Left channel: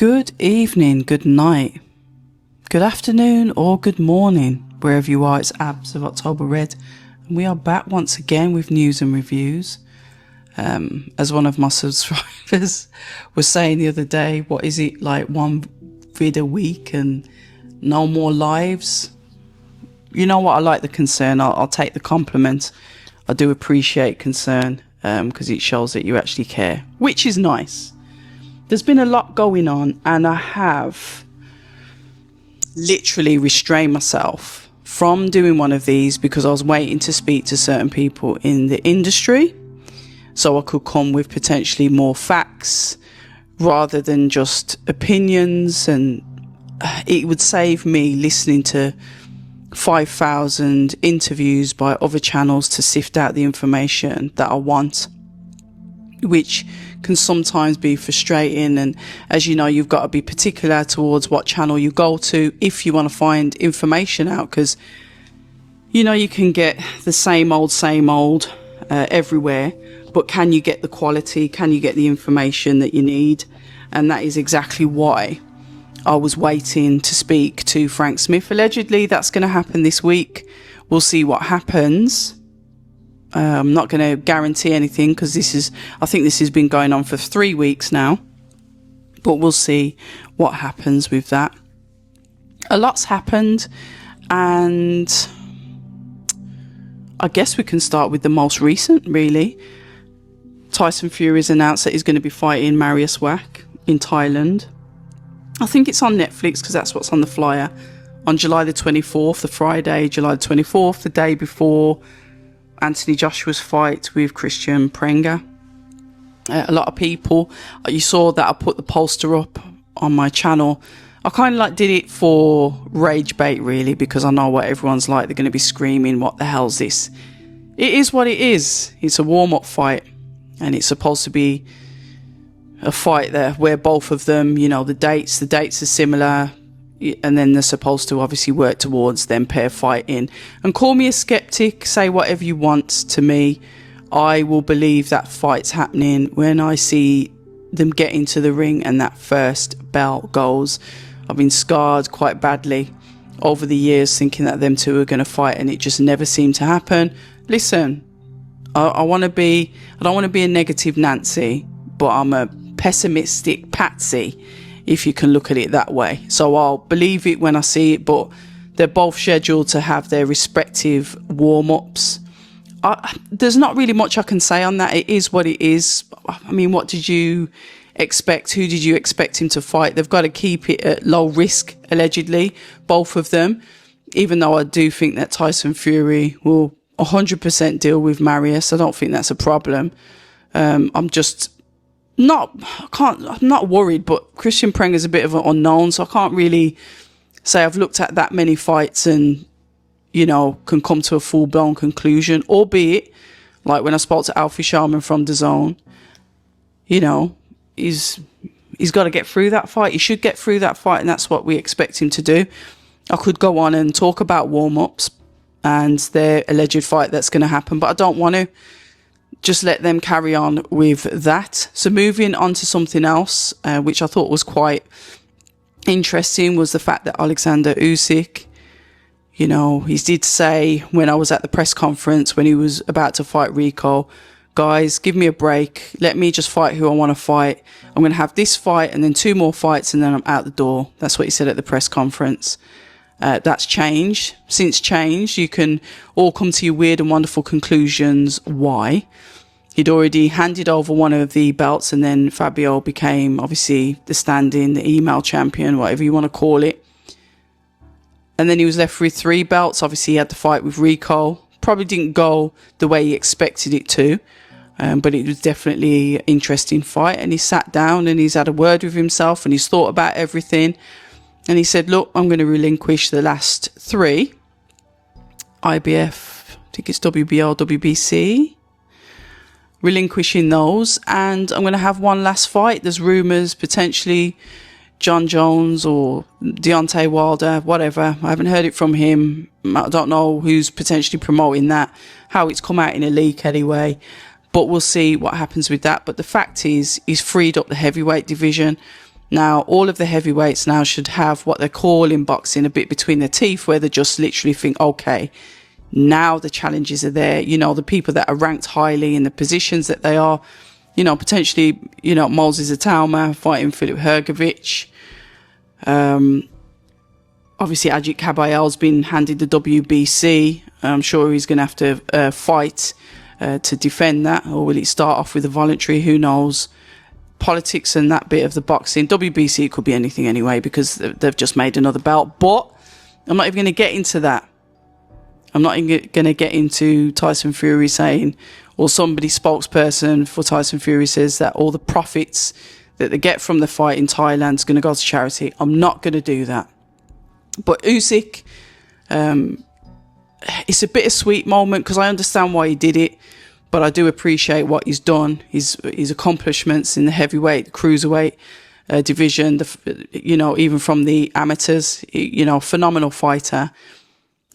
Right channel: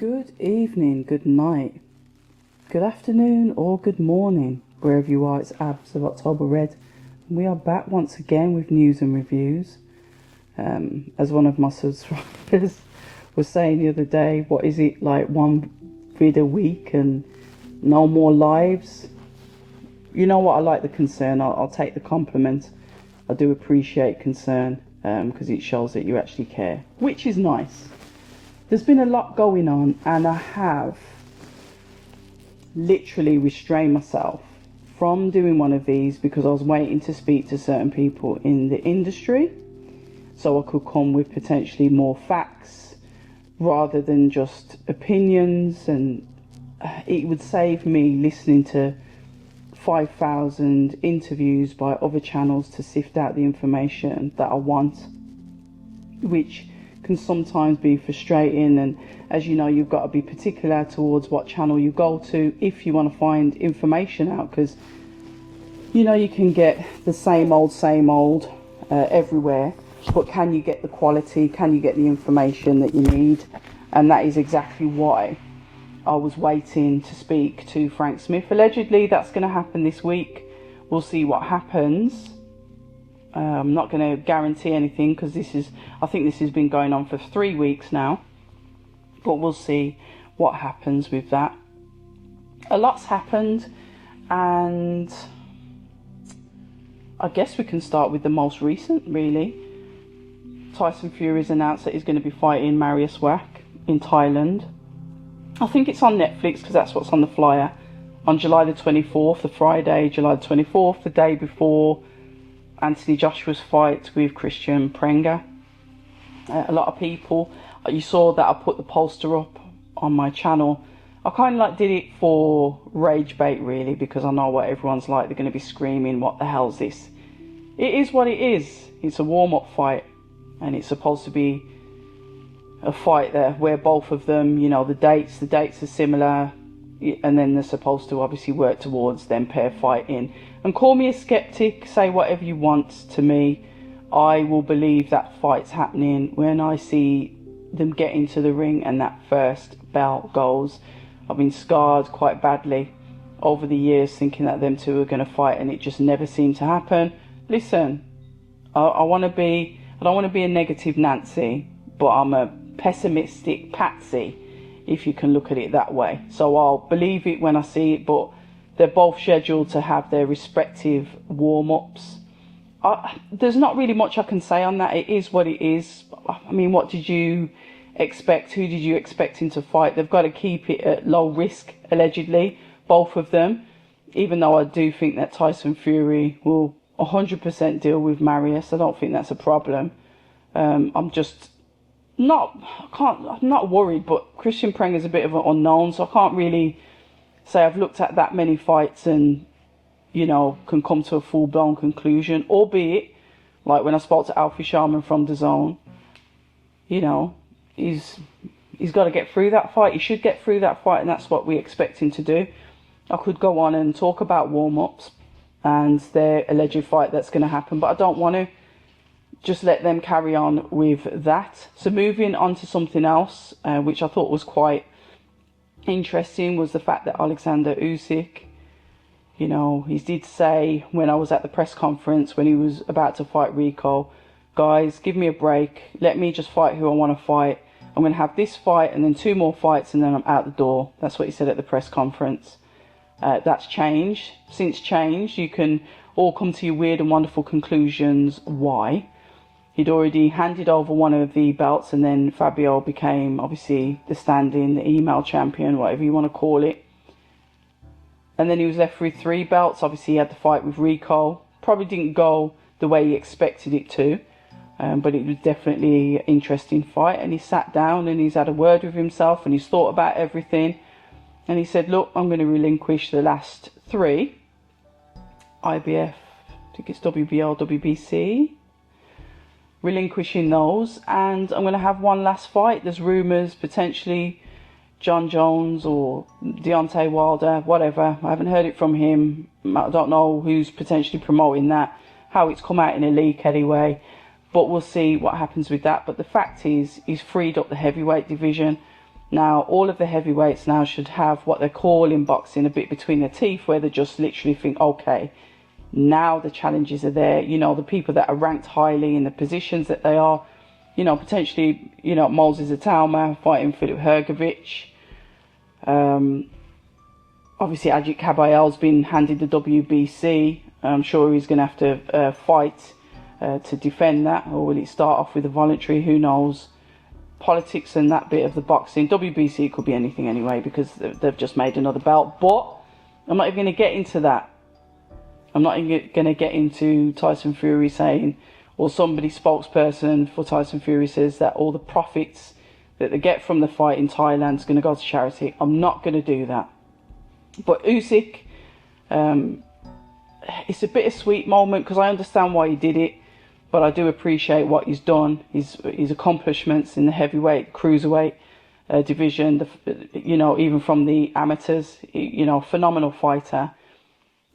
Good evening, good night, good afternoon or good morning, wherever you are. It's Abs of October Red, and we are back once again with news and reviews. As one of my subscribers was saying the other day, what is it, like one vid a week and no more lives? You know what, I like the concern. I'll take the compliment. I do appreciate concern because it shows that you actually care, which is nice. There's been a lot going on, and I have literally restrained myself from doing one of these because I was waiting to speak to certain people in the industry so I could come with potentially more facts rather than just opinions, and it would save me listening to 5,000 interviews by other channels to sift out the information that I want, which can sometimes be frustrating. And as you know, you've got to be particular towards what channel you go to if you want to find information out, because you know you can get the same old everywhere, but can you get the quality, can you get the information that you need? And that is exactly why I was waiting to speak to Frank Smith. Allegedly that's going to happen this week. We'll see what happens. I'm not going to guarantee anything because I think this has been going on for 3 weeks now, but we'll see what happens with that. A lot's happened, and I guess we can start with the most recent, really. Tyson Fury has announced that he's going to be fighting Mariusz Wach in Thailand. I think it's on Netflix because that's what's on the flyer, on July the 24th, the Friday, July the 24th, the day before Anthony Joshua's fight with Christian Prenga. A lot of people, you saw that I put the poster up on my channel. I kind of like did it for rage bait, really, because I know what everyone's like. They're going to be screaming, what the hell's this? It is what it is. It's a warm-up fight, and it's supposed to be a fight there where both of them, you know, the dates are similar, and then they're supposed to obviously work towards them pair fighting. And call me a skeptic, say whatever you want to me, I will believe that fight's happening when I see them get into the ring and that first bell goes. I've been scarred quite badly over the years thinking that them two are going to fight, and it just never seemed to happen. Listen, I don't want to be a negative Nancy, but I'm a pessimistic Patsy, if you can look at it that way. So I'll believe it when I see it, but they're both scheduled to have their respective warm-ups. There's not really much I can say on that. It is what it is. I mean, what did you expect? Who did you expect him to fight? They've got to keep it at low risk, allegedly, both of them, even though I do think that Tyson Fury will 100% deal with Mariusz. I don't think that's a problem. I'm not worried, but Christian Prenga is a bit of an unknown, so I can't really say I've looked at that many fights and, you know, can come to a full-blown conclusion, albeit, like when I spoke to Alfie Sharman from DAZN, you know, he's got to get through that fight. He should get through that fight, and that's what we expect him to do. I could go on and talk about warm-ups and their alleged fight that's going to happen, but I don't want to. Just let them carry on with that. So moving on to something else, which I thought was quite interesting, was the fact that Oleksandr Usyk, you know, he did say when I was at the press conference when he was about to fight Rico, guys, give me a break. Let me just fight who I want to fight. I'm going to have this fight and then 2 more fights and then I'm out the door. That's what he said at the press conference. That's changed. Since changed, you can all come to your weird and wonderful conclusions why. He'd already handed over one of the belts, and then Fabio became obviously the stand-in, the email champion, whatever you want to call it. And then he was left with 3 belts. Obviously he had the fight with Rico. Probably didn't go the way he expected it to, but it was definitely an interesting fight. And he sat down and he's had a word with himself and he's thought about everything. And he said, look, I'm going to relinquish the last 3. IBF, I think it's WBO, WBC. Relinquishing those, and I'm going to have one last fight. There's rumours potentially John Jones or Deontay Wilder, whatever. I haven't heard it from him. I don't know who's potentially promoting that, how it's come out in a leak anyway. But we'll see what happens with that. But the fact is, he's freed up the heavyweight division. Now, all of the heavyweights now should have what they call in boxing a bit between their teeth, where they just literally think, okay, now the challenges are there. You know, the people that are ranked highly in the positions that they are, you know, potentially, you know, Moses Atauma fighting Filip Hrgovic. Obviously, Ajit Kabayel's been handed the WBC. I'm sure he's going to have to fight to defend that. Or will it start off with a voluntary? Who knows? Politics and that bit of the boxing. WBC, it could be anything anyway, because they've just made another belt. But I'm not even going to get into that. I'm not even going to get into Tyson Fury saying, or somebody spokesperson for Tyson Fury says that all the profits that they get from the fight in Thailand is going to go to charity. I'm not going to do that. But Usyk, it's a bittersweet moment because I understand why he did it, but I do appreciate what he's done, his accomplishments in the heavyweight, cruiserweight division, you know, even from the amateurs, you know, phenomenal fighter.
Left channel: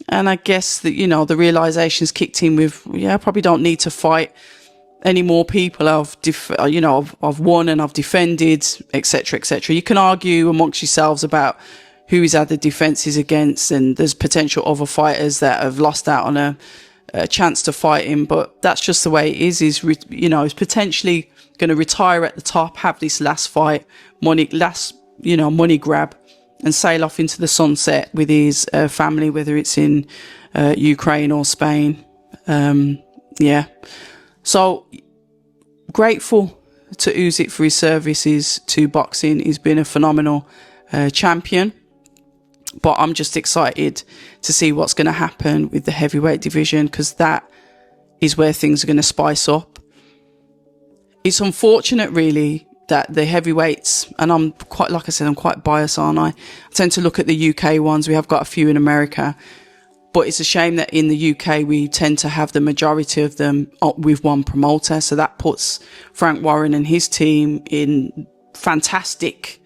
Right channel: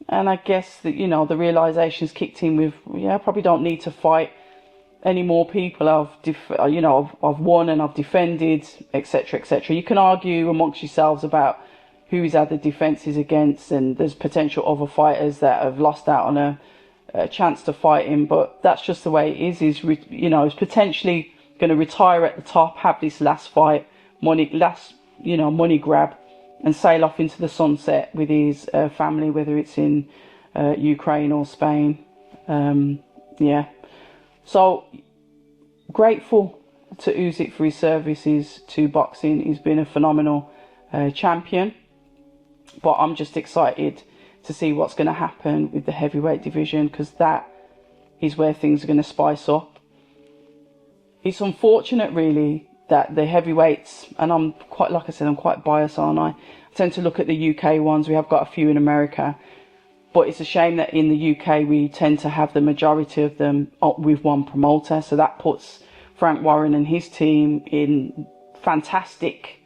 And I guess that, you know, the realizations kicked in with, yeah, I probably don't need to fight any more people. I've won and I've defended, etc., etc. You can argue amongst yourselves about who he's had the defences against, and there's potential other fighters that have lost out on a chance to fight him, but that's just the way it is. He's potentially going to retire at the top, have this last fight, money grab, and sail off into the sunset with his family, whether it's in Ukraine or Spain. So grateful to Usyk for his services to boxing. He's been a phenomenal champion. But I'm just excited to see what's going to happen with the heavyweight division, because that is where things are going to spice up. It's unfortunate, really, that the heavyweights, and I'm quite, like I said, I'm quite biased, aren't I? I tend to look at the UK ones. We have got a few in America. But it's a shame that in the UK, we tend to have the majority of them with one promoter. So that puts Frank Warren and his team in fantastic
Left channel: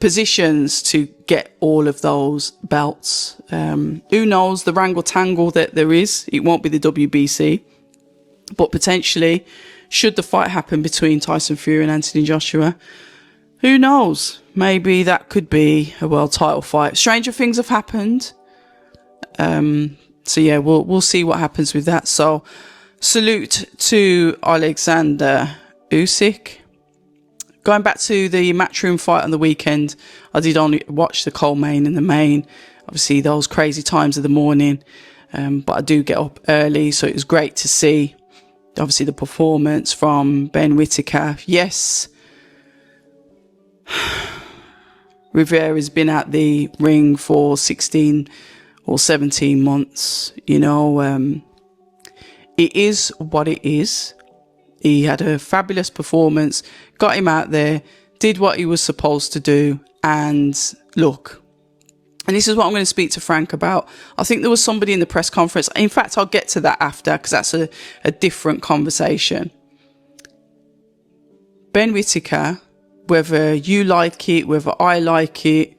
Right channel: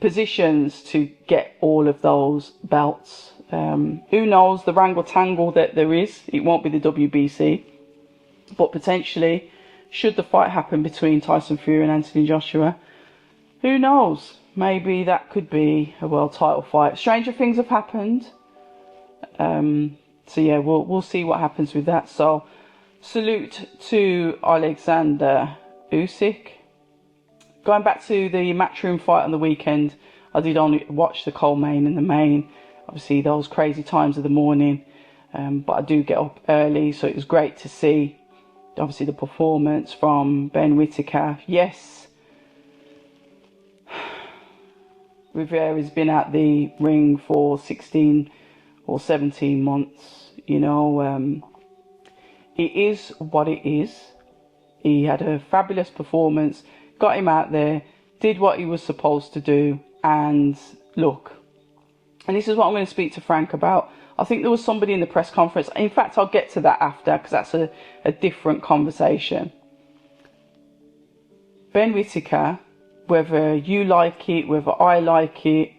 positions to get all of those belts. Who knows, the wrangle tangle that there is, it won't be the WBC, but potentially, should the fight happen between Tyson Fury and Anthony Joshua, who knows, maybe that could be a world title fight. Stranger things have happened. So yeah, we'll see what happens with that. So salute to Oleksandr Usyk. Going back to the Matchroom fight on the weekend, I did only watch the co-main and the main. Obviously, those crazy times of the morning. But I do get up early, so it was great to see, obviously, the performance from Ben Whittaker. Yes, Rivera's been at the ring for 16 or 17 months. You know, it is what it is. He had a fabulous performance, got him out there, did what he was supposed to do, and look, and this is what I'm going to speak to Frank about. I think there was somebody in the press conference, in fact I'll get to that after, because that's a different conversation. Ben Whittaker, whether you like it, whether I like it,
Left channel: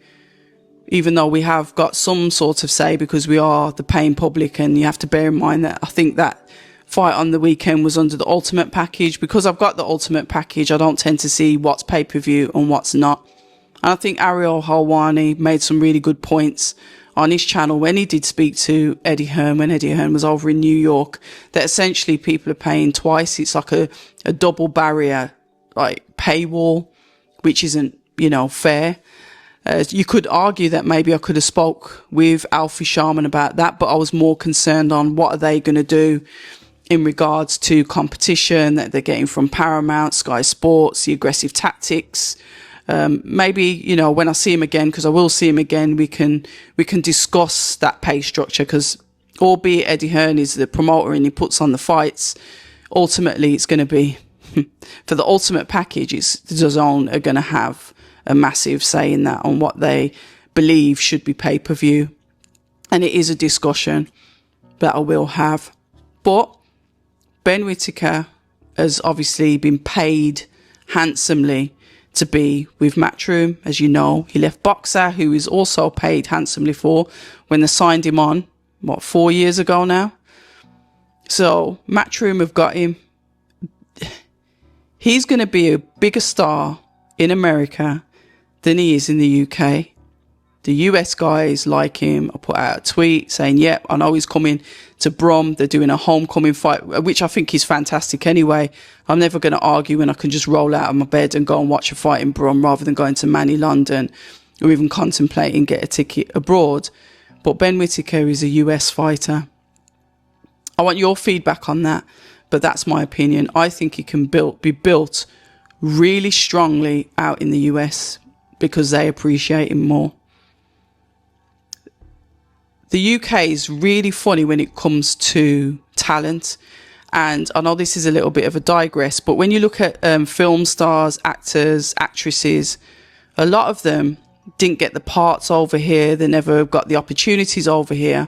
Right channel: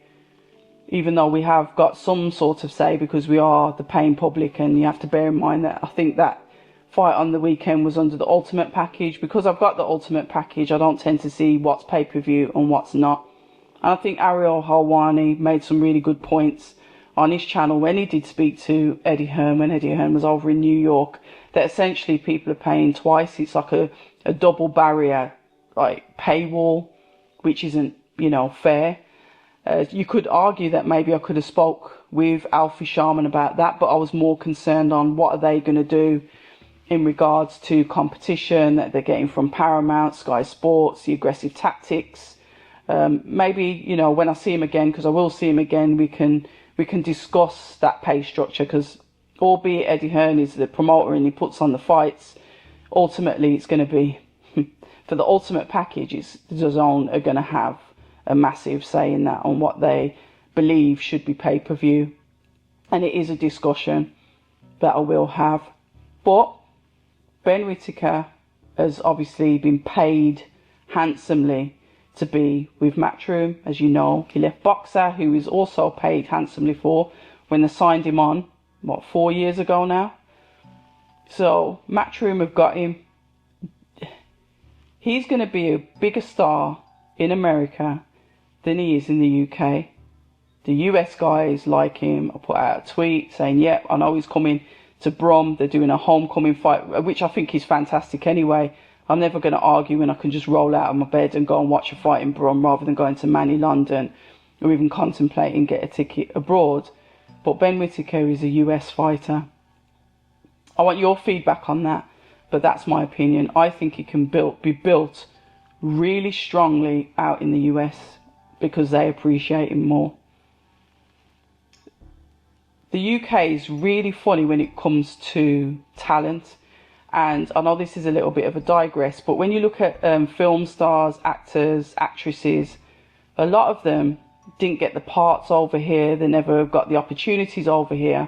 even though we have got some sort of say because we are the paying public, and you have to bear in mind that I think that fight on the weekend was under the Ultimate package. Because I've got the Ultimate package, I don't tend to see what's pay-per-view and what's not. And I think Ariel Helwani made some really good points on his channel when he did speak to Eddie Hearn, when Eddie Hearn was over in New York, that essentially people are paying twice. It's like a double barrier, like paywall, which isn't, you know, fair. You could argue that maybe I could have spoke with Alfie Sharman about that, but I was more concerned on what are they going to do in regards to competition that they're getting from Paramount, Sky Sports, the aggressive tactics. Maybe, you know, when I see him again, because I will see him again, we can discuss that pay structure, because albeit Eddie Hearn is the promoter and he puts on the fights, ultimately it's going to be, for the Ultimate package, it's DAZN are going to have a massive say in that, on what they believe should be pay-per-view. And it is a discussion that I will have. But Ben Whittaker has obviously been paid handsomely to be with Matchroom. As you know, he left Boxer, who is also paid handsomely for, when they signed him on, 4 years ago now. So Matchroom have got him. He's going to be a bigger star in America than he is in the UK. The US guys like him. I put out a tweet saying, yep, I know he's coming to Brum. They're doing a homecoming fight, which I think is fantastic anyway. I'm never going to argue when I can just roll out of my bed and go and watch a fight in Brum rather than going to Manny London or even contemplating get a ticket abroad. But Ben Whittaker is a US fighter. I want your feedback on that, but that's my opinion. I think he can be built really strongly out in the US because they appreciate him more. The UK is really funny when it comes to talent. And I know this is a little bit of a digress, but when you look at film stars, actors, actresses, a lot of them didn't get the parts over here. They never got the opportunities over here,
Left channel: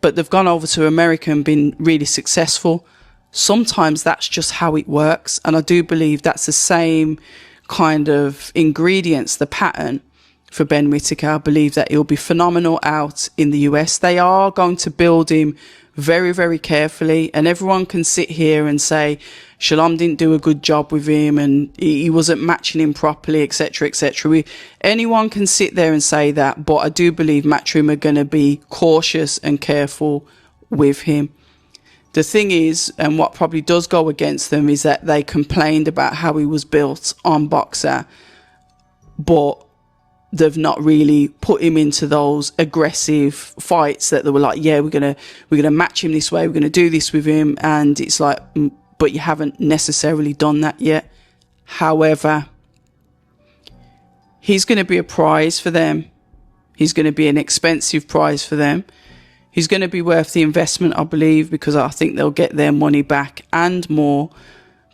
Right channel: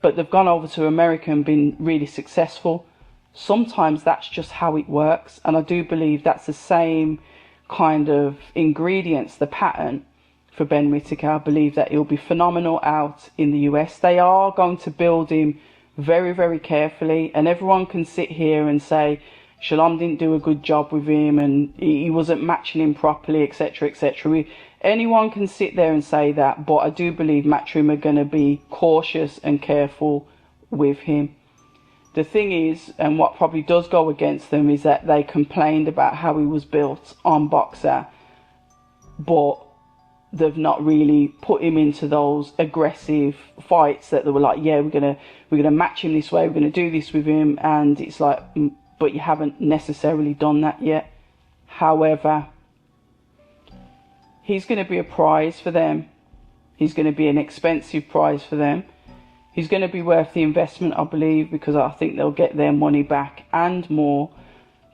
but they've gone over to America and been really successful. Sometimes that's just how it works. And I do believe that's the same kind of ingredients, the pattern for Ben Whittaker. I believe that he'll be phenomenal out in the US. They are going to build him very, very carefully. And everyone can sit here and say, Shalom didn't do a good job with him and he wasn't matching him properly, etc., etc. Anyone can sit there and say that, but I do believe Matchroom are going to be cautious and careful with him. The thing is, and what probably does go against them, is that they complained about how he was built on Boxer, but they've not really put him into those aggressive fights that they were like, yeah, we're gonna match him this way, we're gonna do this with him, and it's like, but you haven't necessarily done that yet. However, he's going to be a prize for them. He's going to be an expensive prize for them. He's going to be worth the investment, I believe, because I think they'll get their money back and more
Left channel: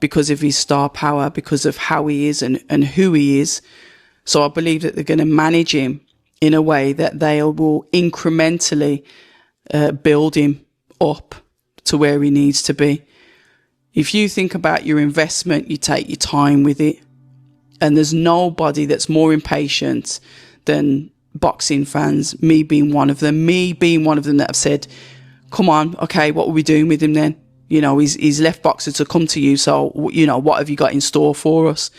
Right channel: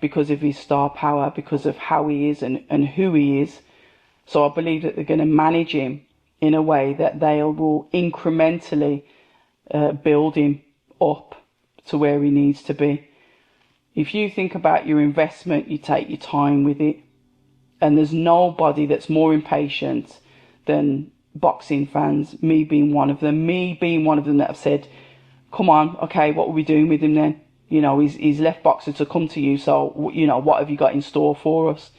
because of his star power, because of how he is and who he is. So I believe that they're going to manage him in a way that they will incrementally build him up to where he needs to be. If you think about your investment, you take your time with it. And there's nobody that's more impatient than boxing fans, me being one of them that have said, come on, okay, what are we doing with him then? You know, he's left Boxer to come to you. So, you know, what have you got in store for us?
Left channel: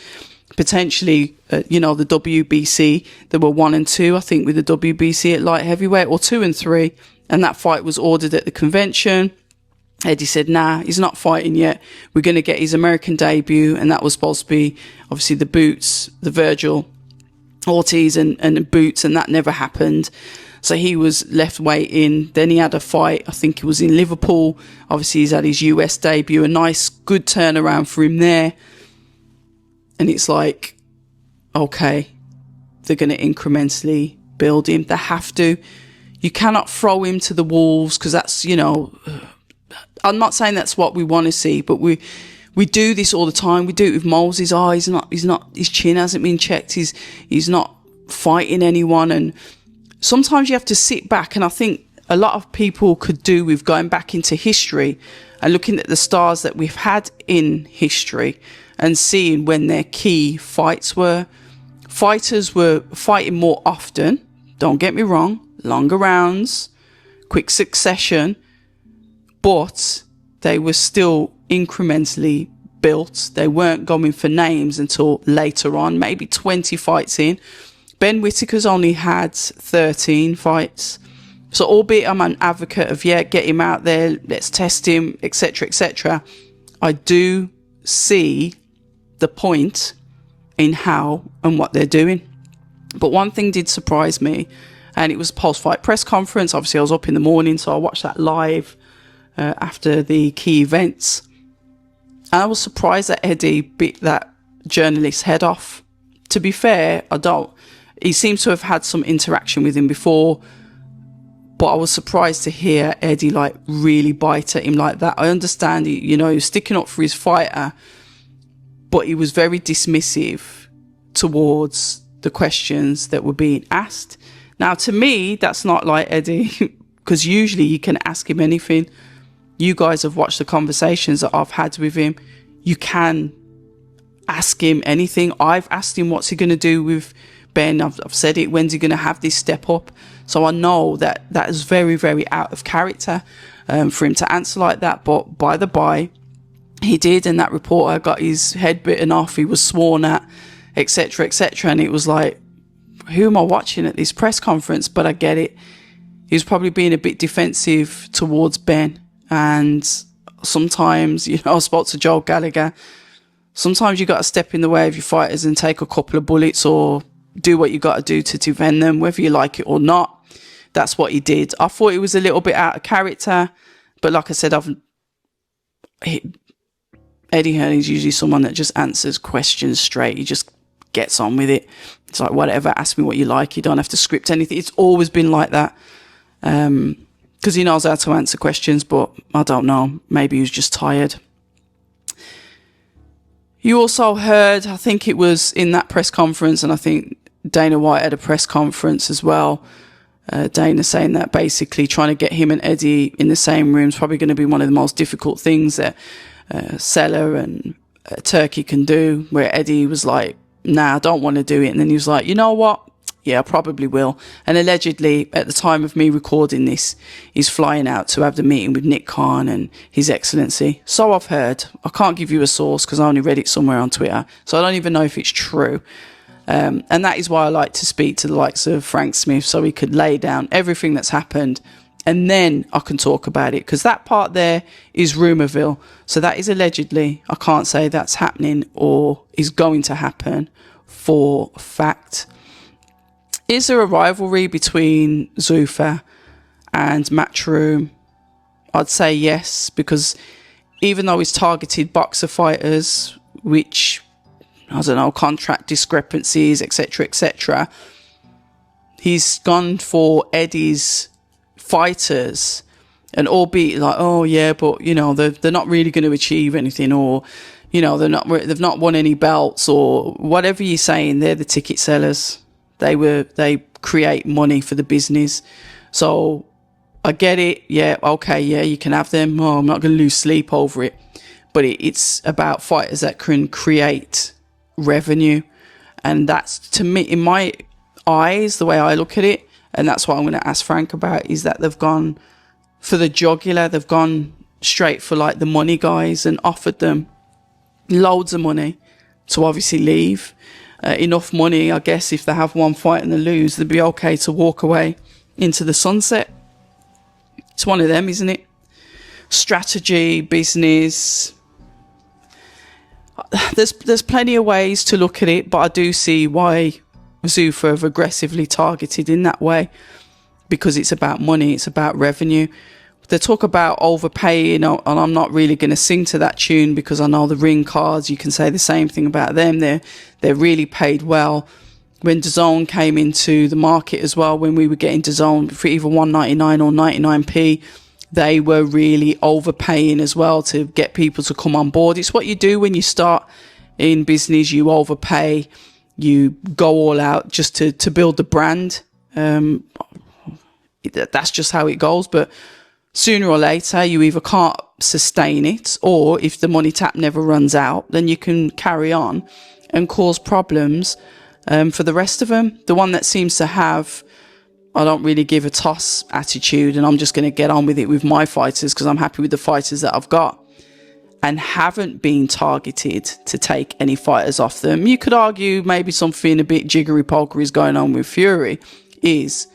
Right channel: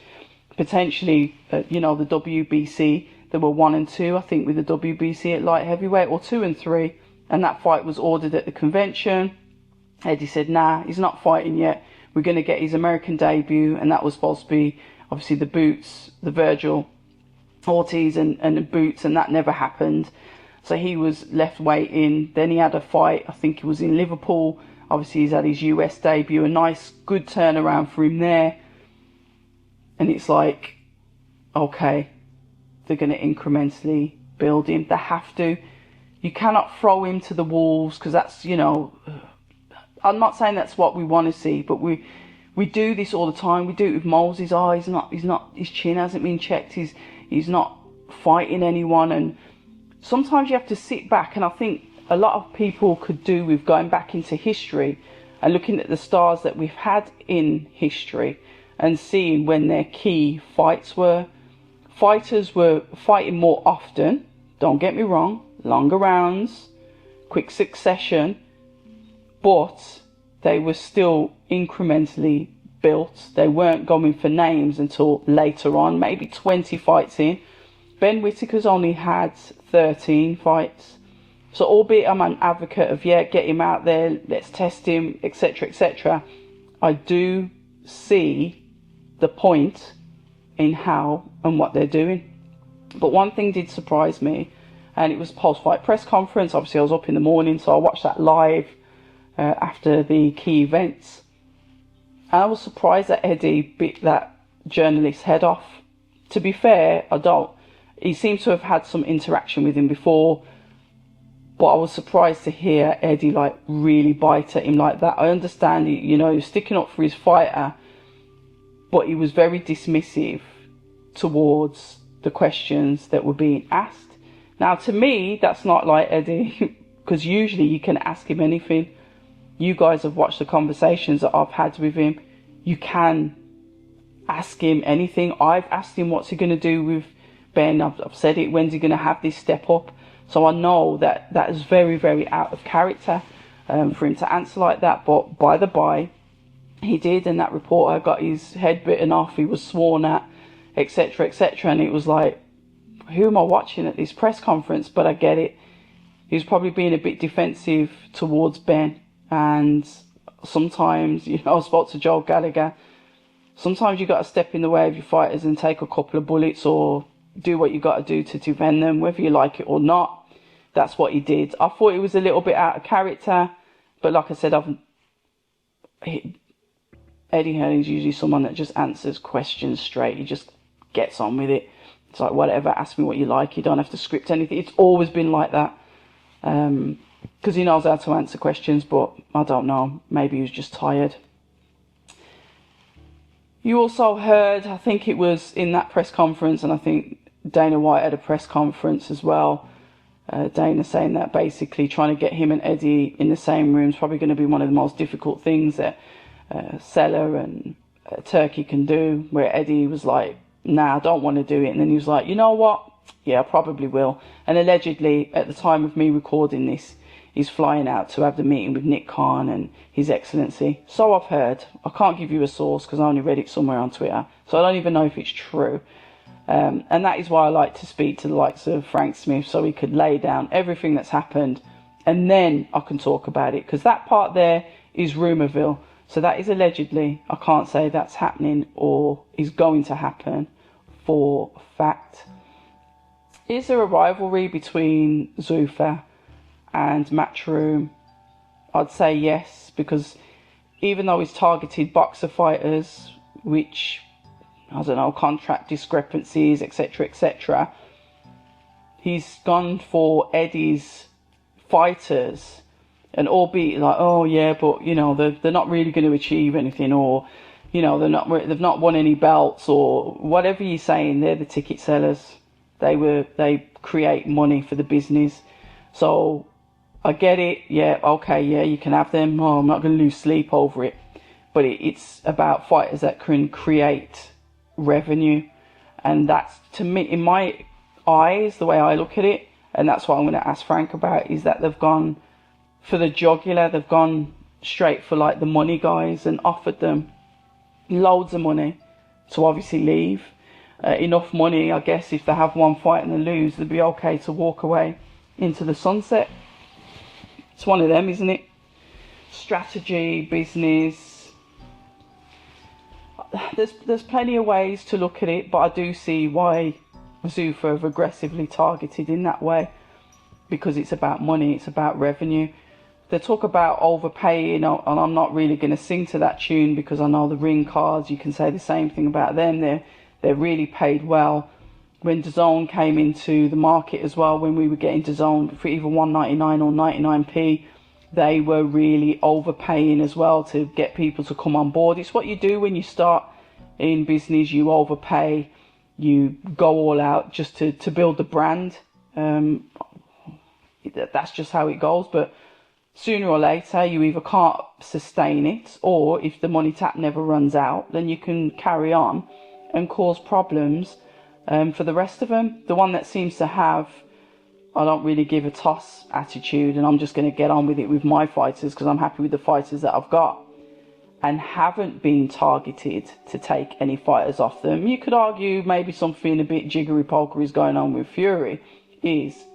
Potentially, you know, the WBC, there were 1 and 2, I think, with the WBC at light heavyweight, or 2 and 3. And that fight was ordered at the convention. Eddie said, nah, he's not fighting yet. We're going to get his American debut. And that was supposed to be, obviously, the Boots, the Virgil Ortiz and Boots. And that never happened. So he was left waiting. Then he had a fight. I think it was in Liverpool. Obviously, he's had his US debut. A nice, good turnaround for him there. And it's like, okay, they're going to incrementally build him. They have to. You cannot throw him to the wolves because that's, you know... I'm not saying that's what we want to see, but we do this all the time. We do it with Moses. Oh, he's not. His chin hasn't been checked. He's not fighting anyone. And sometimes you have to sit back. And I think a lot of people could do with going back into history and looking at the stars that we've had in history and seeing when their key fights were. Fighters were fighting more often. Don't get me wrong. Longer rounds, quick succession. But they were still incrementally built. They weren't going for names until later on, maybe 20 fights in. Ben Whittaker's only had 13 fights. So albeit I'm an advocate of, yeah, get him out there, let's test him, etc., etc., I do see the point in how and what they're doing. But one thing did surprise me, and it was post-fight press conference. Obviously, I was up in the morning, so I watched that live. After the key events, and I was surprised that Eddie bit that journalist's head off. To be fair, he seems to have had some interaction with him before, but I was surprised to hear Eddie like really bite at him like that. I understand he was sticking up for his fighter, but he was very dismissive towards the questions that were being asked. Now, to me, that's not like Eddie, because usually you can ask him anything. You guys have watched the conversations that I've had with him. You can ask him anything. I've asked him what's he going to do with Ben. I've said it, when's he going to have this step up? So I know that is very, very out of character for him to answer like that. But by the by, he did, and that reporter got his head bitten off. He was sworn at, etc., etc. And it was like, who am I watching at this press conference? But I get it. He was probably being a bit defensive towards Ben. And sometimes, you know, I spoke to Joel Gallagher. Sometimes you got to step in the way of your fighters and take a couple of bullets or do what you got to do to defend them, whether you like it or not. That's what he did. I thought it was a little bit out of character. But like I said, Eddie Hearn is usually someone that just answers questions straight. He just gets on with it. It's like, whatever, ask me what you like. You don't have to script anything. It's always been like that. Because he knows how to answer questions, but I don't know. Maybe he was just tired. You also heard, I think it was in that press conference, and I think Dana White had a press conference as well. Dana saying that basically trying to get him and Eddie in the same room is probably going to be one of the most difficult things that Seller and Turkey can do, where Eddie was like, nah, I don't want to do it. And then he was like, you know what? Yeah, I probably will. And allegedly, at the time of me recording this, he's flying out to have the meeting with Nick Khan and His Excellency. So I've heard. I can't give you a source because I only read it somewhere on Twitter. So I don't even know if it's true. And that is why I like to speak to the likes of Frank Smith, so he could lay down everything that's happened. And then I can talk about it. Because that part there is Rumourville. So that is allegedly. I can't say that's happening or is going to happen for fact. Is there a rivalry between Zuffa and Matchroom? I'd say yes, because even though he's targeted boxer fighters, which, I don't know, contract discrepancies, etc., he's gone for Eddie's fighters, and albeit like, oh yeah, but you know, they're not really going to achieve anything, or you know, they've not won any belts, or whatever you're saying. They're the ticket sellers. They create money for the business. So I get it. Yeah, okay, yeah, you can have them. Oh, I'm not going to lose sleep over it. But it's about fighters that can create revenue. And that's, to me, in my eyes, the way I look at it, and that's what I'm going to ask Frank about, is that they've gone for the jugular. They've gone straight for like the money guys and offered them loads of money to obviously leave. Enough money, I guess, if they have one fight and they lose, they'd be okay to walk away into the sunset. It's one of them, isn't it? Strategy, business. There's plenty of ways to look at it, but I do see why Zuffa have aggressively targeted in that way, because it's about money, it's about revenue. They talk about overpaying, and I'm not really going to sing to that tune because I know the ring cards, you can say the same thing about them. They're really paid well. When DAZN came into the market as well, when we were getting DAZN for either $1.99 or 99p, they were really overpaying as well to get people to come on board. It's what you do when you start in business. You overpay, you go all out just to build the brand. That's just how it goes. But sooner or later, you either can't sustain it, or if the money tap never runs out, then you can carry on and cause problems for the rest of them. The one that seems to have, I don't really give a toss attitude, and I'm just going to get on with it with my fighters because I'm happy with the fighters that I've got, and haven't been targeted to take any fighters off them. You could argue maybe something a bit jiggery-pokery is going on with Fury, is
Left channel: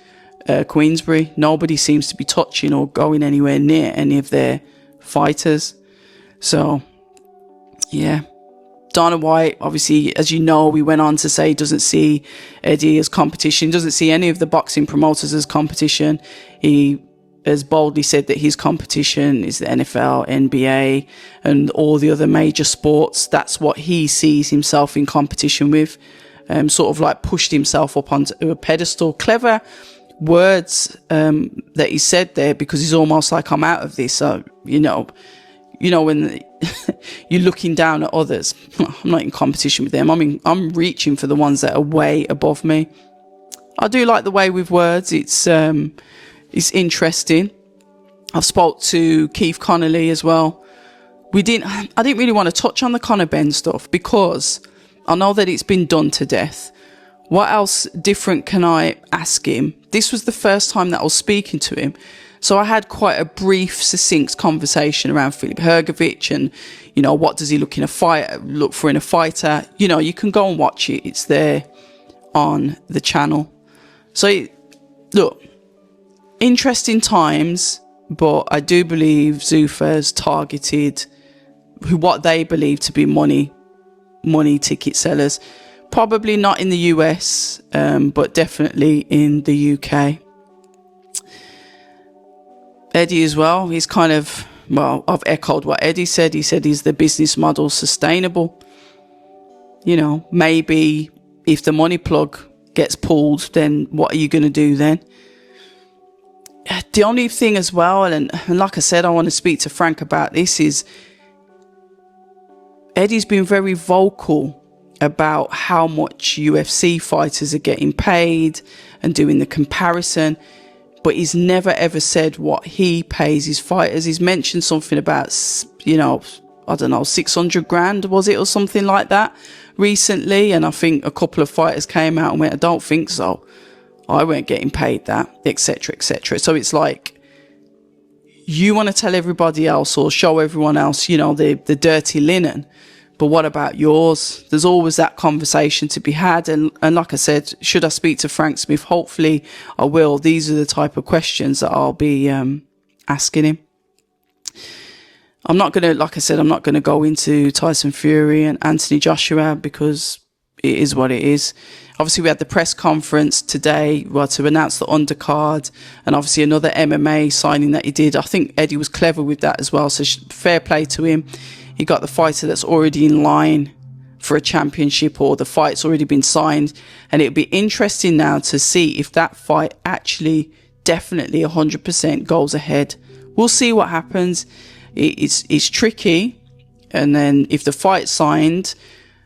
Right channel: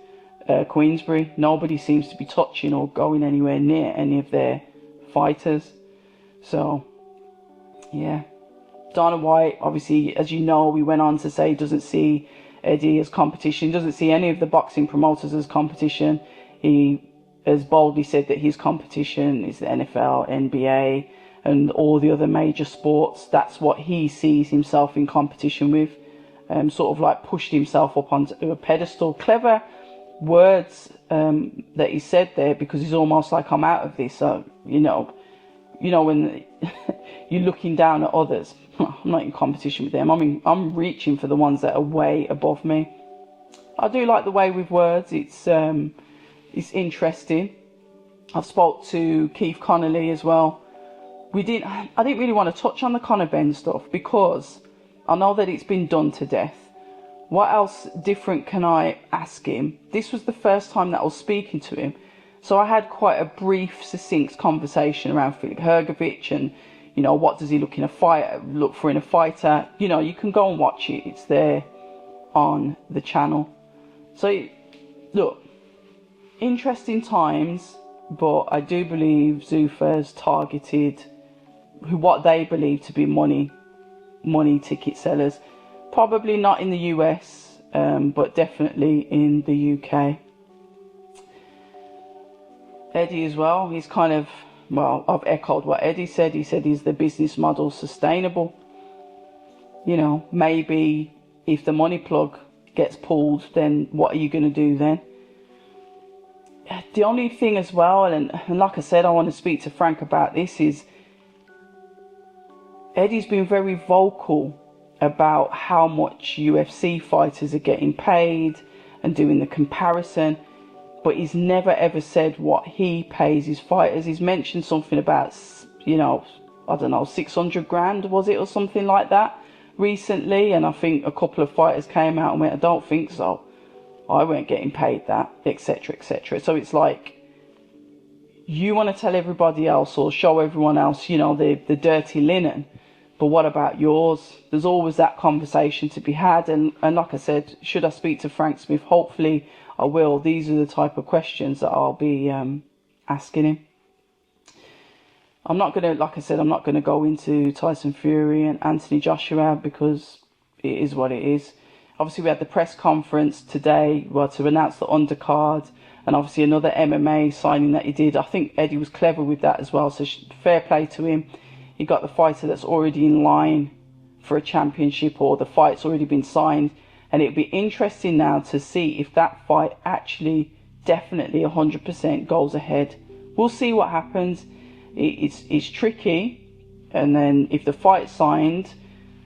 Queensbury. Nobody seems to be touching or going anywhere near any of their fighters. So, yeah. Dana White, obviously, as you know, we went on to say doesn't see Eddie as competition, doesn't see any of the boxing promoters as competition. He has boldly said that his competition is the NFL, NBA, and all the other major sports. That's what he sees himself in competition with. Sort of like pushed himself up onto a pedestal. Clever words that he said there, because he's almost like, I'm out of this. So, you know when you're looking down at others, I'm not in competition with them. I'm reaching for the ones that are way above me. I do like the way with words. It's interesting. I've spoke to Keith Connolly as well. I didn't really want to touch on the Conor Benn stuff because I know that it's been done to death. What else different can I ask him? This was the first time that I was speaking to him. So I had quite a brief, succinct conversation around Filip Hrgovic and, what does he look for in a fighter? You can go and watch it. It's there on the channel. So look, interesting times, but I do believe Zuffa's targeted what they believe to be money ticket sellers. Probably not in the US, but definitely in the UK. Eddie as well, he's kind of, well, I've echoed what Eddie said. He said, is the business model sustainable? You know, maybe if the money plug gets pulled, then what are you going to do then? The only thing as well, and like I said, I want to speak to Frank about this, is Eddie's been very vocal about how much UFC fighters are getting paid and doing the comparison, but he's never ever said what he pays his fighters. He's mentioned something about, you know, I don't know, 600 grand, was it, or something like that recently, and I think a couple of fighters came out and went, I don't think so, I weren't getting paid that, etc, etc. So it's like, you want to tell everybody else or show everyone else, you know, the dirty linen, but what about yours? There's always that conversation to be had. And like I said, should I speak to Frank Smith? Hopefully I will. These are the type of questions that I'll be asking him. I'm not going to, like I said, I'm not going to go into Tyson Fury and Anthony Joshua because it is what it is. Obviously, we had the press conference today, well, to announce the undercard, and obviously another MMA signing that he did. I think Eddie was clever with that as well, so fair play to him. He got the fighter that's already in line for a championship, or the fight's already been signed, and it'll be interesting now to see if that fight actually definitely 100% goes ahead. We'll see what happens. It's tricky, and then if the fight's signed,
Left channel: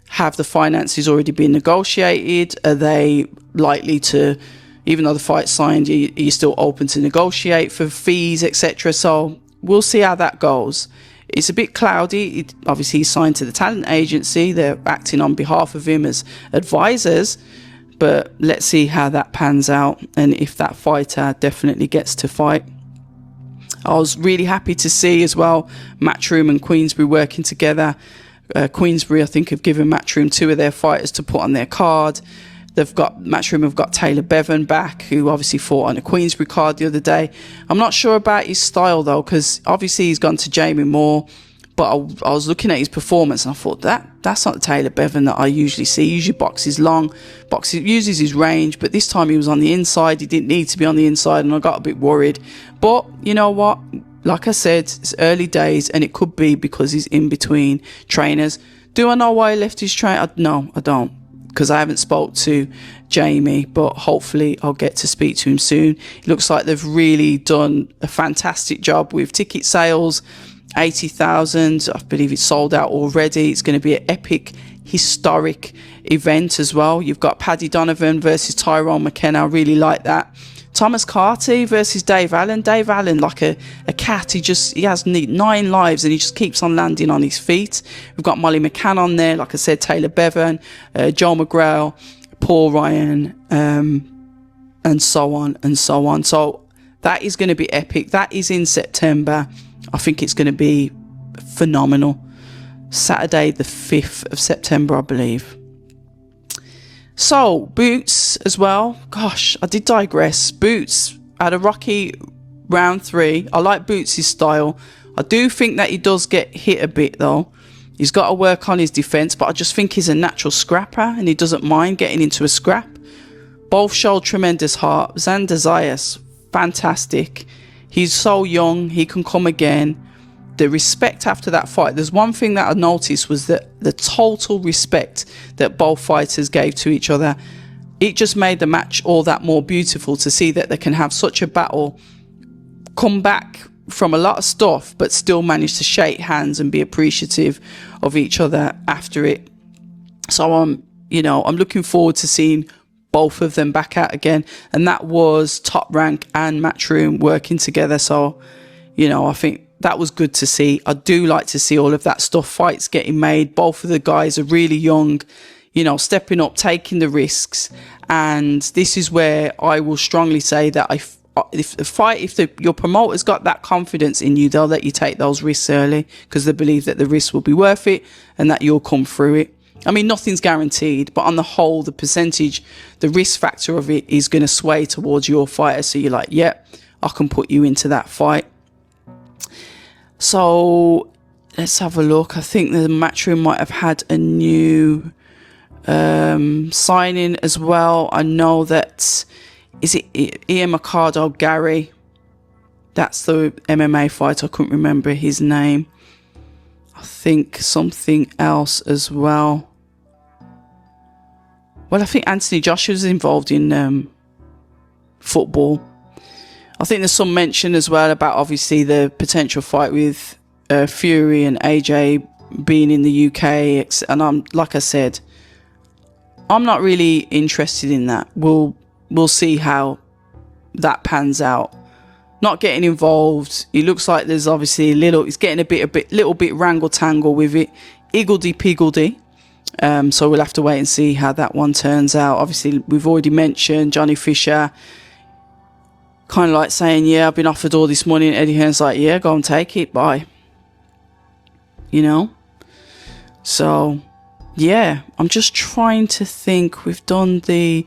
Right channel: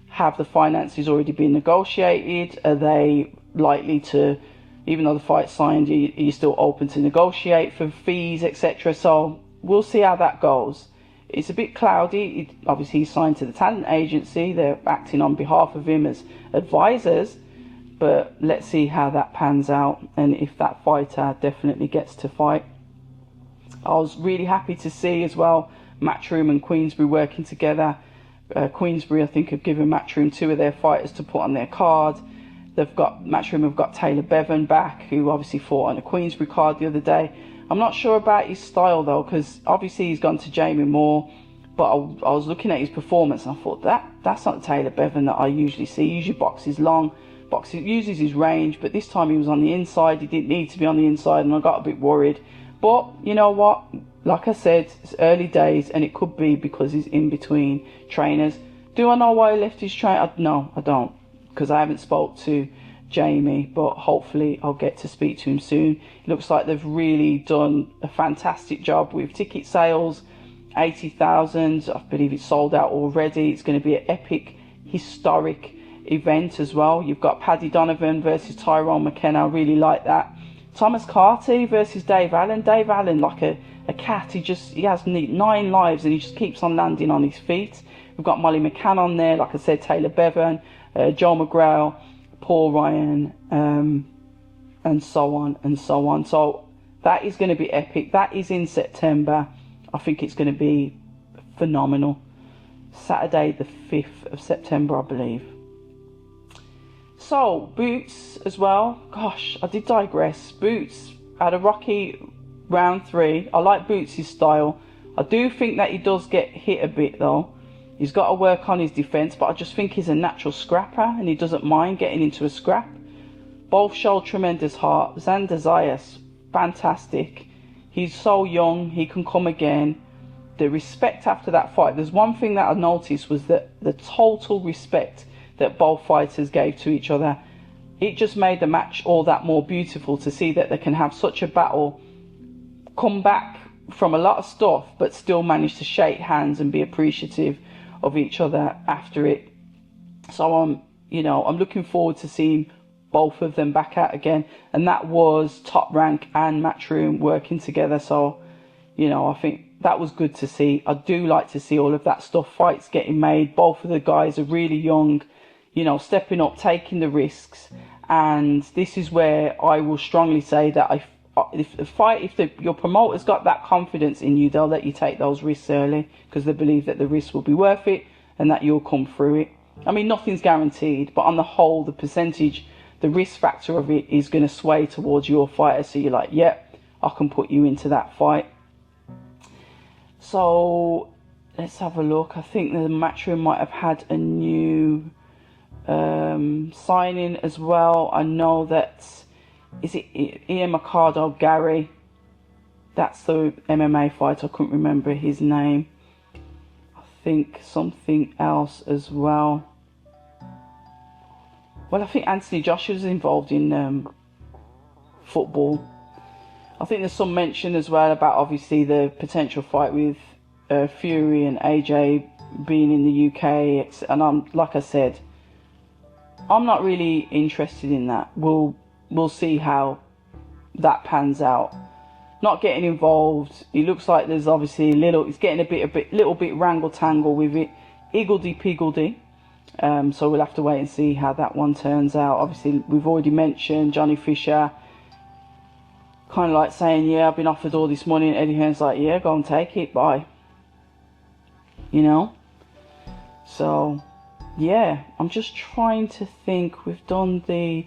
have the finances already been negotiated? Are they likely to, even though the fight's signed, are you still open to negotiate for fees, etc.? So we'll see how that goes. It's a bit cloudy. Obviously, he's signed to the talent agency. They're acting on behalf of him as advisors. But let's see how that pans out and if that fighter definitely gets to fight. I was really happy to see as well Matchroom and Queensbury working together. Queensbury, I think, have given Matchroom 2 of their fighters to put on their card. Matchroom have got Taylor Bevan back, who obviously fought on a Queensbury card the other day. I'm not sure about his style though, because obviously he's gone to Jamie Moore, but I was looking at his performance and I thought that's not the Taylor Bevan that I usually see. He usually boxes long, uses his range, but this time he was on the inside. He didn't need to be on the inside, and I got a bit worried. But you know what? Like I said, it's early days, and it could be because he's in between trainers. Do I know why he left his trainer? No, I don't, because I haven't spoke to Jamie, but hopefully I'll get to speak to him soon. It looks like they've really done a fantastic job with ticket sales. 80,000, I believe it's sold out already. It's going to be an epic, historic event as well. You've got Paddy Donovan versus Tyrone McKenna. I really like that. Thomas Carty versus Dave Allen. Dave Allen, like a cat, he has 9 lives and he just keeps on landing on his feet. We've got Molly McCann on there, like I said, Taylor Bevan, Joe McGrail, Paul Ryan, and so on and so on. So that is going to be epic. That is in September. I think it's going to be phenomenal. Saturday the 5th of September, I believe. So, Boots as well. Gosh, I did digress. Boots had a rocky round 3. I like Boots' style. I do think that he does get hit a bit though. He's got to work on his defence, but I just think he's a natural scrapper and he doesn't mind getting into a scrap. Both showed tremendous heart. Xander Zayas, fantastic. He's so young, he can come again. The respect after that fight, there's one thing that I noticed was that the total respect that both fighters gave to each other. It just made the match all that more beautiful to see that they can have such a battle, come back from a lot of stuff, but still manage to shake hands and be appreciative of each other after it. So I'm looking forward to seeing both of them back out again. And that was Top Rank and Matchroom working together. So, I think that was good to see. I do like to see all of that stuff. Fights getting made. Both of the guys are really young, stepping up, taking the risks. And this is where I will strongly say that if your promoter's got that confidence in you, they'll let you take those risks early because they believe that the risks will be worth it and that you'll come through it. I mean, nothing's guaranteed, but on the whole, the percentage, the risk factor of it is going to sway towards your fighter. So you're like, yeah, I can put you into that fight. So let's have a look. I think the Matchroom might have had a new signing as well. I know that, is it Ian Mercado Gary? That's the MMA fighter. I couldn't remember his name. I think something else as well. Well, I think Anthony Joshua's involved in football. I think there's some mention as well about obviously the potential fight with Fury and AJ being in the UK. And I'm, like I said, I'm not really interested in that. We'll see how that pans out. Not getting involved. It looks like there's obviously it's getting a little bit wrangle tangle with it. Iggledy piggledy. So we'll have to wait and see how that one turns out. Obviously, we've already mentioned Johnny Fisher kind of like saying, yeah, I've been offered all this money, and Eddie Hearn's like, yeah, go and take it, bye. You know? So, yeah, I'm just trying to think. We've done the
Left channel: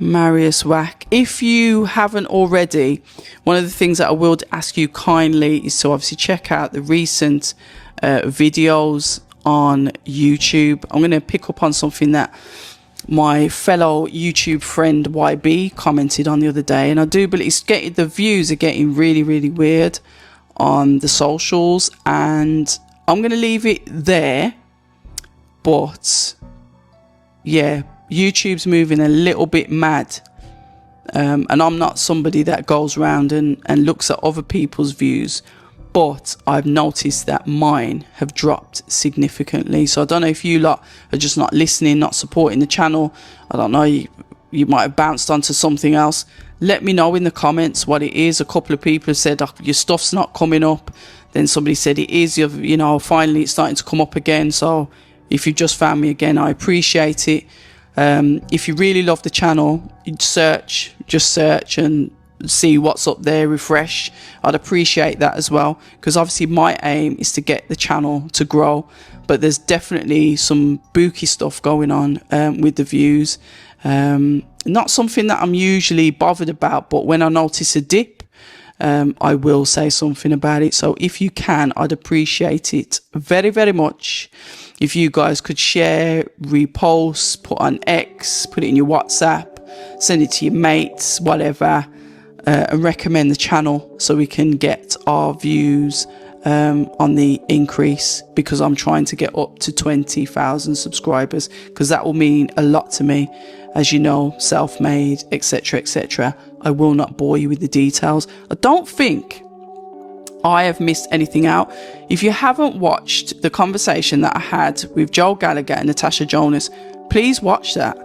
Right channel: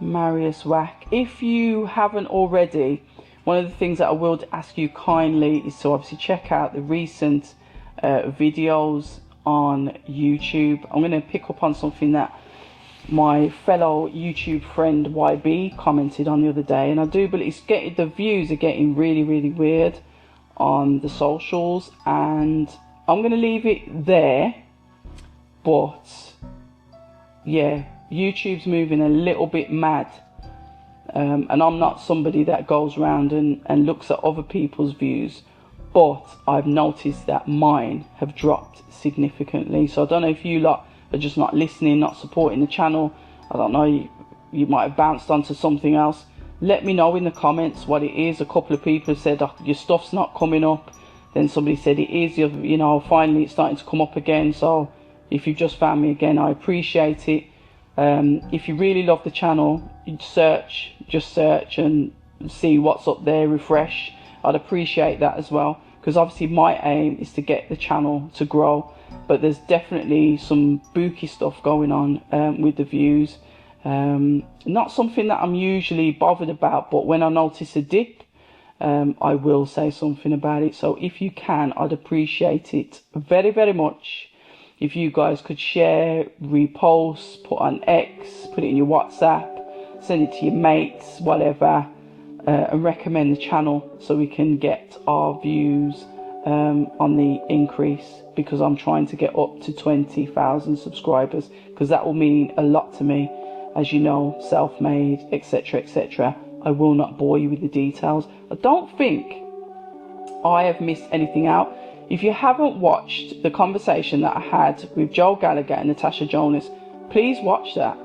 Mariusz Wach. If you haven't already, one of the things that I will ask you kindly is to obviously check out the recent videos on YouTube. I'm going to pick up on something that my fellow YouTube friend YB commented on the other day, and I do believe the views are getting really, really weird on the socials, and I'm going to leave it there. But yeah, YouTube's moving a little bit mad, and I'm not somebody that goes around and looks at other people's views, but I've noticed that mine have dropped significantly. So I don't know if you lot are just not listening, not supporting the channel. I don't know, you might have bounced onto something else. Let me know in the comments what it is. A couple of people have said, oh, your stuff's not coming up. Then somebody said it is, you know, finally it's starting to come up again. So if you just found me again, I appreciate it. If you really love the channel, just search and see what's up there, refresh. I'd appreciate that as well, because obviously my aim is to get the channel to grow, but there's definitely some booky stuff going on with the views. Not something that I'm usually bothered about, but when I notice a dip, I will say something about it. So if you can, I'd appreciate it very, very much if you guys could share, repost, put on X, put it in your WhatsApp, send it to your mates, whatever, and recommend the channel so we can get our views on the increase, because I'm trying to get up to 20,000 subscribers, because that will mean a lot to me. As you know, self-made, etc, etc. I will not bore you with the details. I don't think I have missed anything out. If you haven't watched the conversation that I had with Joel Gallagher and Natasha Jonas, please watch that.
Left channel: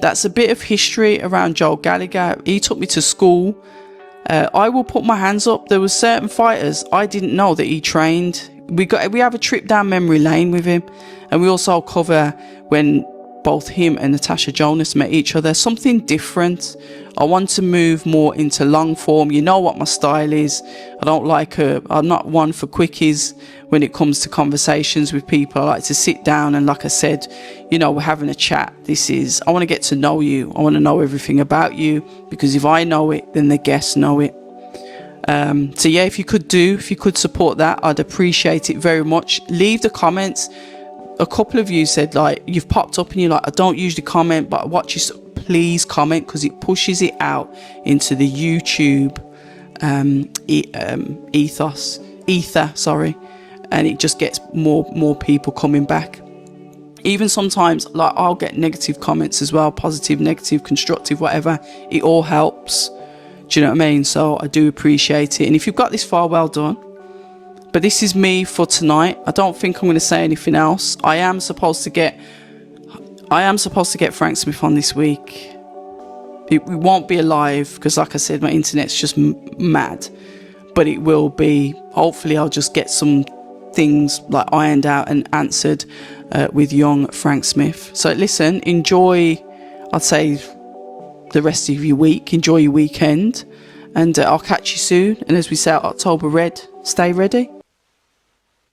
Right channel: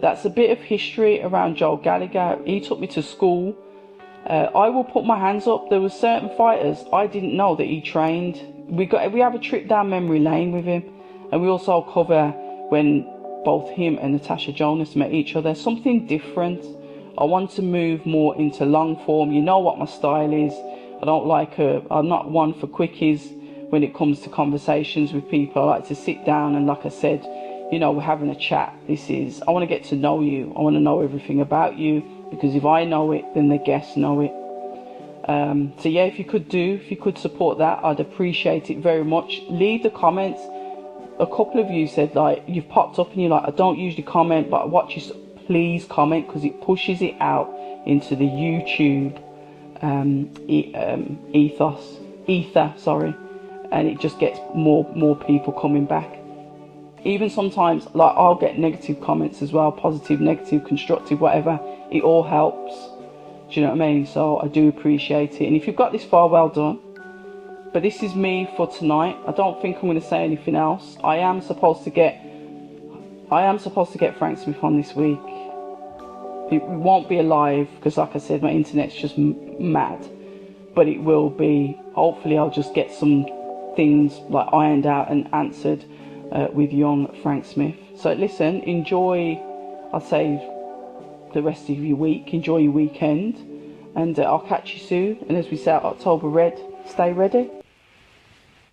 That's a bit of history around Joel Gallagher. He took me to school. I will put my hands up. There were certain fighters I didn't know that he trained. We have a trip down memory lane with him, and we also cover when both him and Natasha Jonas met each other. Something different. I want to move more into long form. You know what my style is. I'm not one for quickies when it comes to conversations with people. I like to sit down and, like I said, you know, we're having a chat. I want to get to know you. I want to know everything about you, because if I know it, then the guests know it. So yeah, if you could support that, I'd appreciate it very much. Leave the comments. A couple of you said, like, you've popped up and you're like, I don't usually comment, but I watch you. Please comment, because it pushes it out into the YouTube ether, and it just gets more people coming back. Even sometimes, like, I'll get negative comments as well, positive, negative, constructive, whatever. It all helps. Do you know what I mean? So I do appreciate it. And if you've got this far, well done. But this is me for tonight. I don't think I'm going to say anything else. I am supposed to get Frank Smith on this week. It won't be live, because, like I said, my internet's just mad. But it will be. Hopefully, I'll just get some things like ironed out and answered with young Frank Smith. So listen, enjoy, I'd say, the rest of your week. Enjoy your weekend. And I'll catch you soon. And as we say, October Red, stay ready.